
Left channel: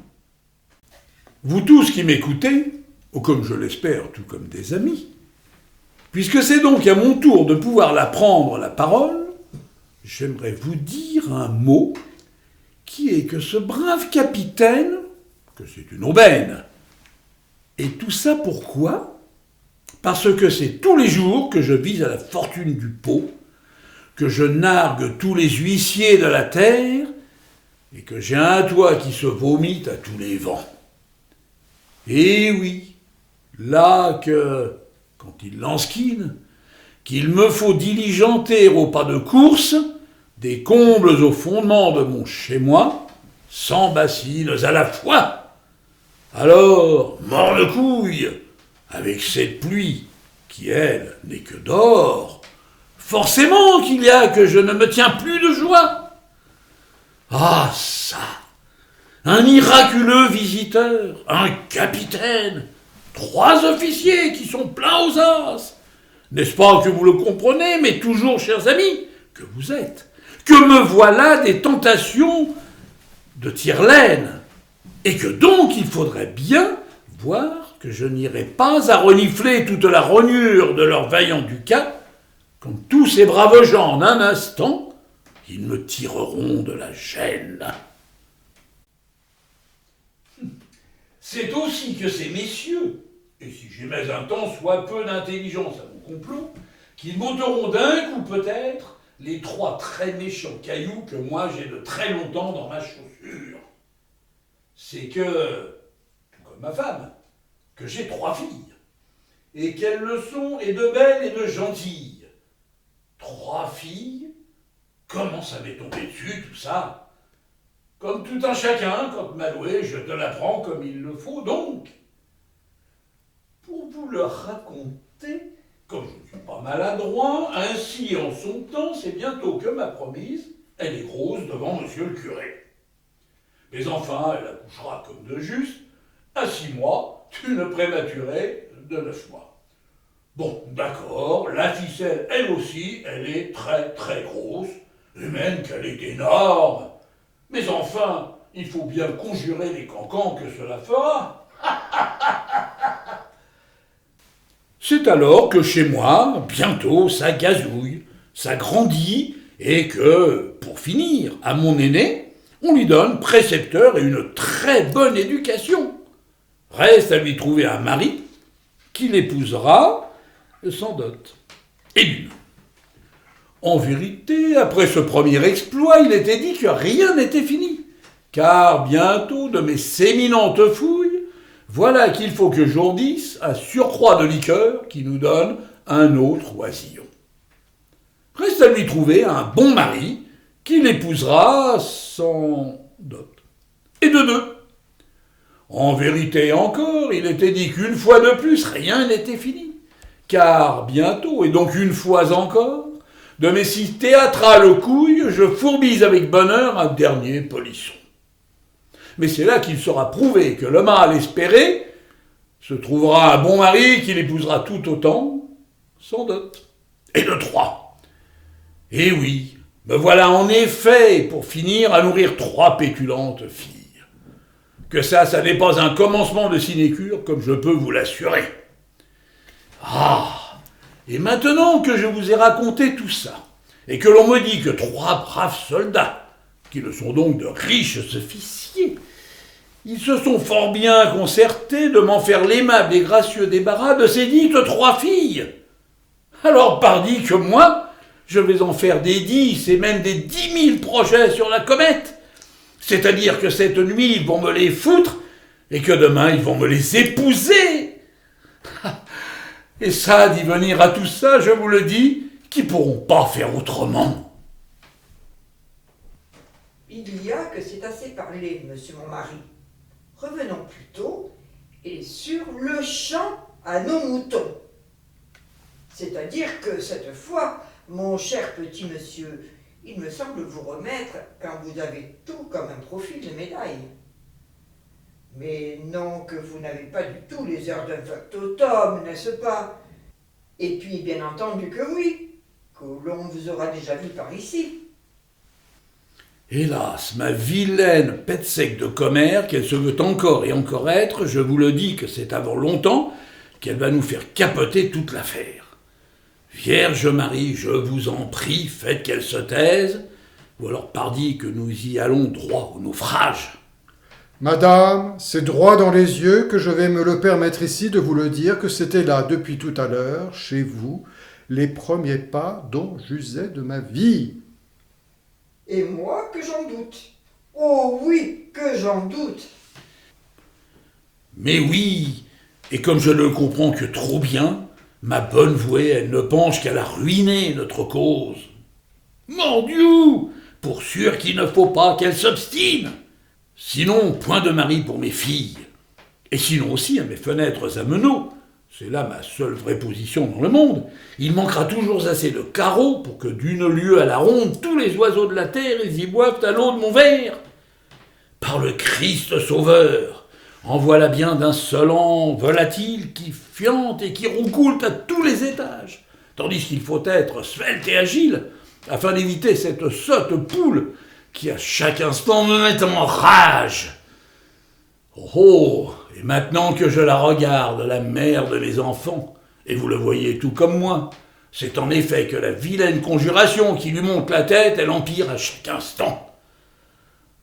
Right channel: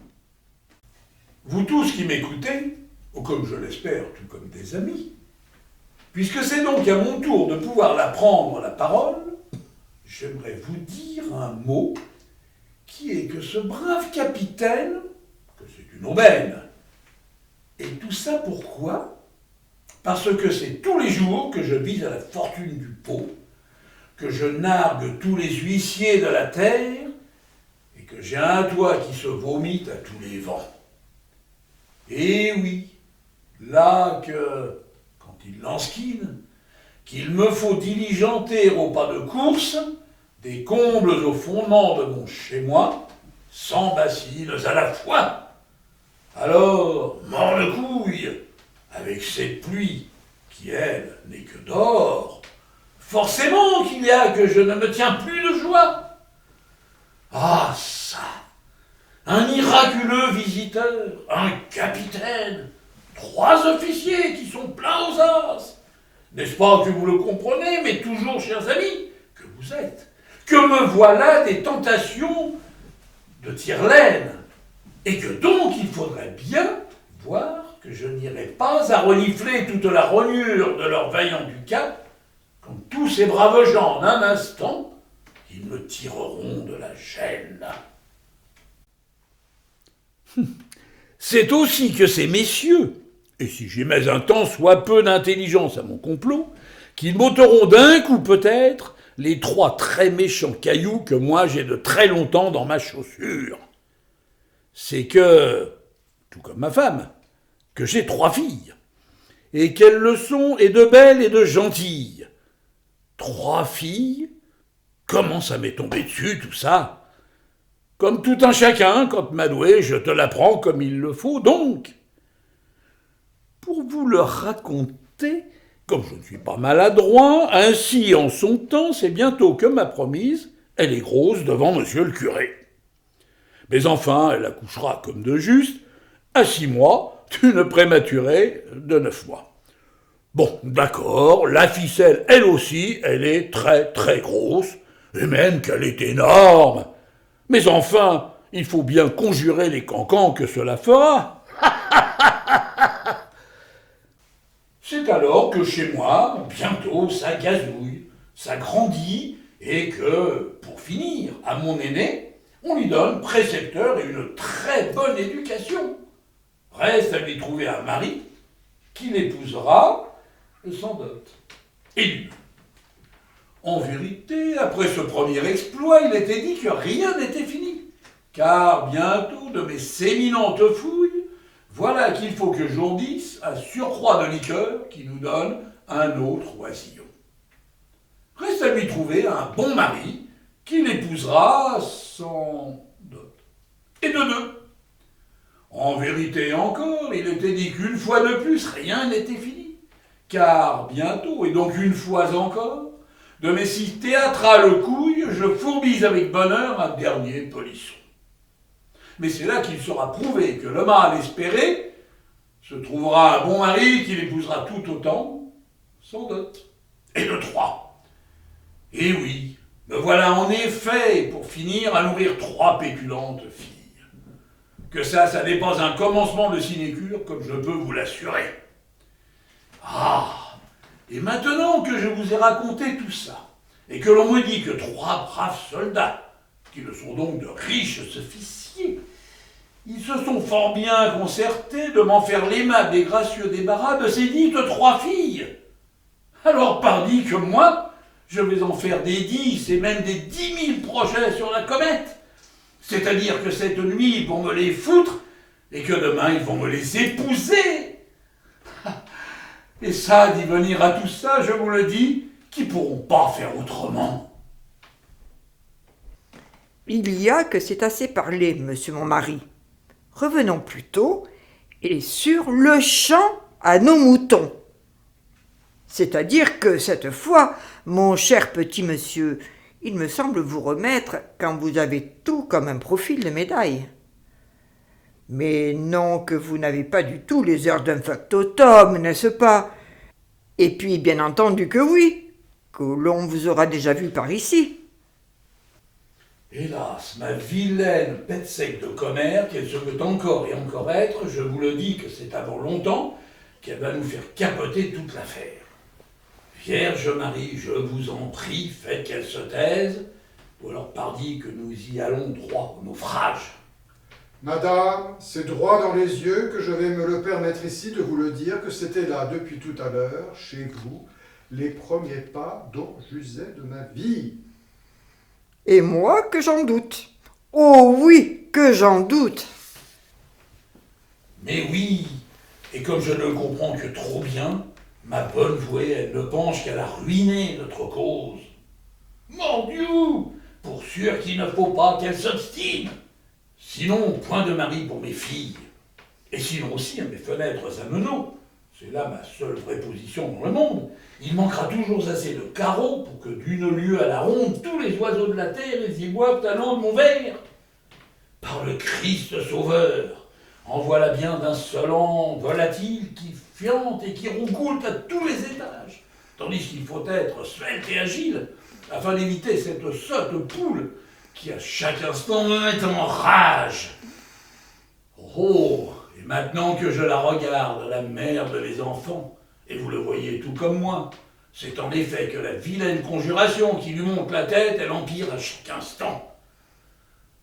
Vous tous qui m'écoutez, ou comme je l'espère, tout comme des amis, puisque c'est donc à mon tour de pouvoir la prendre la parole, j'aimerais vous dire un mot qui est que ce brave capitaine, que c'est une aubaine. Et tout ça pourquoi ? Parce que c'est tous les jours que je vise à la fortune du pot, que je nargue tous les huissiers de la terre, et que j'ai un toit qui se vomit à tous les vents. Et oui, là que, quand il lansquine, qu'il me faut diligenter au pas de course, des combles au fondement de mon chez-moi, 100 bassines à la fois. Alors, morne-couille, avec cette pluie, qui, elle, n'est que d'or, forcément qu'il y a que je ne me tiens plus de joie. Ah, ça, un miraculeux visiteur, un capitaine, 3 officiers qui sont pleins aux as. N'est-ce pas que vous le comprenez, mais toujours, chers amis, que vous êtes, que me voilà des tentations de tire-laine, et que donc il faudrait bien voir que je n'irai pas à renifler toute la rognure de leur vaillant ducat, comme tous ces braves gens en un instant, ils me tireront de la gêne. C'est aussi que ces messieurs, et si j'y mets un tant soit peu d'intelligence à mon complot, qu'ils m'ôteront d'un coup peut-être les 3 très méchants cailloux que moi j'ai de très longtemps dans ma chaussure. C'est que, tout comme ma femme, que j'ai 3 filles, et qu'elles le sont et de belles et de gentilles. 3 filles, comment ça m'est tombé dessus tout ça ? Comme tout un chacun, quand Madoué, je te l'apprends comme il le faut, donc. Pour vous le raconter, comme je ne suis pas maladroit, ainsi en son temps, c'est bientôt que ma promise, elle est grosse devant monsieur le curé. Mais enfin, elle accouchera comme de juste, à 6 mois, d'une prématurée de 9 mois. Bon, d'accord, la ficelle, elle aussi, elle est très très grosse, et même qu'elle est énorme. Mais enfin, il faut bien conjurer les cancans que cela fera. C'est alors que chez moi, bientôt, ça gazouille, ça grandit, et que, pour finir, à mon aîné, On lui donne précepteur et une très bonne éducation. Reste à lui trouver un mari qui l'épousera sans dot. Et lui. En vérité, après ce premier exploit, il était dit que rien n'était fini. Car bientôt, de mes séminentes fouilles, voilà qu'il faut que j'ourdisse un surcroît de liqueur qui nous donne un autre oisillon. Reste à lui trouver un bon mari qui l'épousera sans dot. Et de deux. En vérité encore, il était dit qu'une fois de plus, rien n'était fini. Car bientôt, et donc une fois encore, de mes 6 théâtrales couilles, je fourbise avec bonheur un dernier polisson. Mais c'est là qu'il sera prouvé que le mâle espéré se trouvera un bon mari qui l'épousera tout autant, sans dot. Et de 3. Et oui, me voilà en effet pour finir à nourrir 3 pétulantes filles. Que ça n'est pas un commencement de sinécure, comme je peux vous l'assurer. Ah, et maintenant que je vous ai raconté tout ça, et que l'on me dit que 3 braves soldats, qui ne sont donc de riches officiers, ils se sont fort bien concertés de m'en faire l'aimable et gracieux débarras de ces dites 3 filles. Alors pardi que moi, je vais en faire des 10 et même des 10 000 projets sur la comète. C'est-à-dire que cette nuit, ils vont me les foutre, et que demain, ils vont me les épouser. Et ça, d'y venir à tout ça, je vous le dis, qui pourront pas faire autrement. Il y a que c'est assez parlé, monsieur mon mari. Revenons plutôt, et sur le champ à nos moutons. C'est-à-dire que cette fois, mon cher petit monsieur, il me semble vous remettre quand vous avez tout comme un profil de médaille. Mais non que vous n'avez pas du tout les airs d'un factotum, n'est-ce pas? Et puis, bien entendu que oui, que l'on vous aura déjà vu par ici. Hélas, ma vilaine pète sec de commère, qu'elle se veut encore et encore être, je vous le dis que c'est avant longtemps qu'elle va nous faire capoter toute l'affaire. Vierge Marie, je vous en prie, faites qu'elle se taise, ou alors pardi que nous y allons droit au naufrage. Madame, c'est droit dans les yeux que je vais me le permettre ici de vous le dire que c'était là depuis tout à l'heure, chez vous, les premiers pas dont j'usais de ma vie. Et moi que j'en doute. Oh oui, que j'en doute. Mais oui, et comme je ne le comprends que trop bien, ma bonne vouée, elle ne penche qu'à la ruiner notre cause. Mon Dieu, pour sûr qu'il ne faut pas qu'elle s'obstine. Sinon, point de mari pour mes filles. Et sinon aussi à mes fenêtres à meneaux. C'est là ma seule vraie position dans le monde. Il manquera toujours assez de carreaux pour que d'une lieue à la ronde, tous les oiseaux de la terre, ils y boivent à l'eau de mon verre. Par le Christ sauveur, en voilà bien d'insolents volatiles qui fiantent et qui roucoulent à tous les étages, tandis qu'il faut être svelte et agile, afin d'éviter cette sotte poule qui à chaque instant me met en rage. Oh, et maintenant que je la regarde, la mère de mes enfants, et vous le voyez tout comme moi, c'est en effet que la vilaine conjuration qui lui monte la tête, elle empire à chaque instant.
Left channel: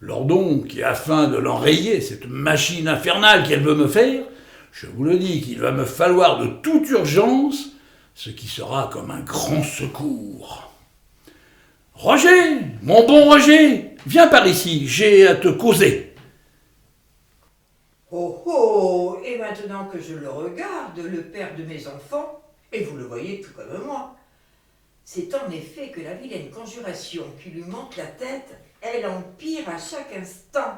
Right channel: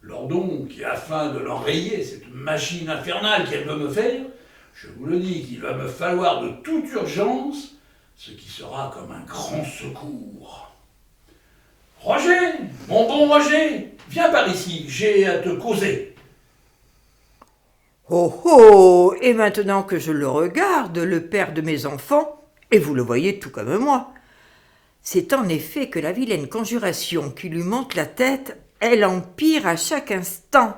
Lors donc, et afin de l'enrayer, cette machine infernale qu'elle veut me faire, je vous le dis qu'il va me falloir de toute urgence ce qui sera comme un grand secours. Roger, mon bon Roger, viens par ici, j'ai à te causer. Oh oh, et maintenant que je le regarde, le père de mes enfants, et vous le voyez tout comme moi, c'est en effet que la vilaine conjuration qui lui monte la tête, elle empire à chaque instant.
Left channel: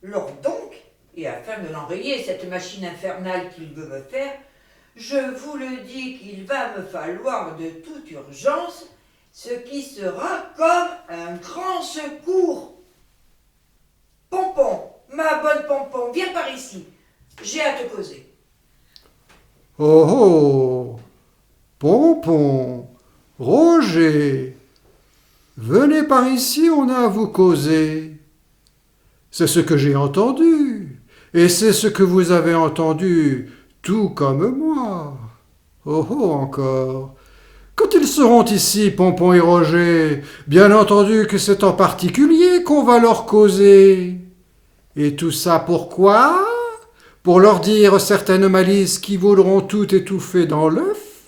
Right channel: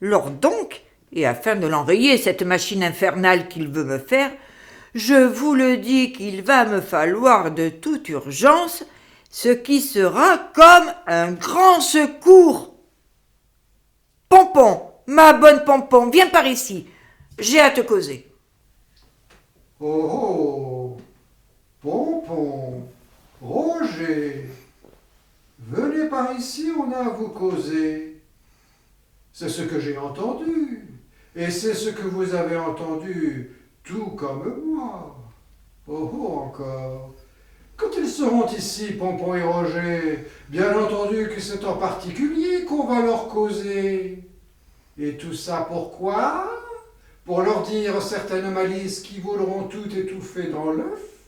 Lors donc, et afin de l'enrayer, cette machine infernale qu'il veut me faire, je vous le dis qu'il va me falloir de toute urgence ce qui sera comme un grand secours. Pompon, ma bonne Pompon, viens par ici, j'ai à te causer. Oh oh, Pompon, Roger, venez par ici, on a à vous causer. C'est ce que j'ai entendu, et c'est ce que vous avez entendu, tout comme moi. Oh oh encore. Quand ils seront ici, Pompon et Roger, bien entendu que c'est en particulier qu'on va leur causer. Et tout ça pourquoi? Pour leur dire certaines malices qui voudront tout étouffer dans l'œuf?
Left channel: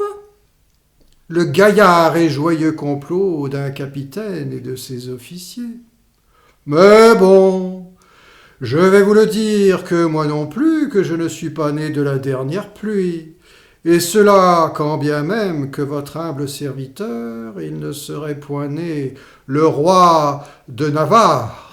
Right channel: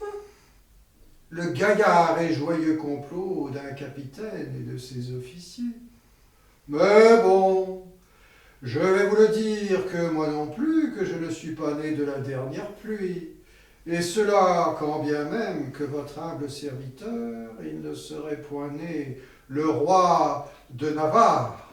Le gaillard et joyeux complot d'un capitaine et de ses officiers. Mais bon, je vais vous le dire que moi non plus, que je ne suis pas né de la dernière pluie, et cela quand bien même que votre humble serviteur, il ne serait point né le roi de Navarre.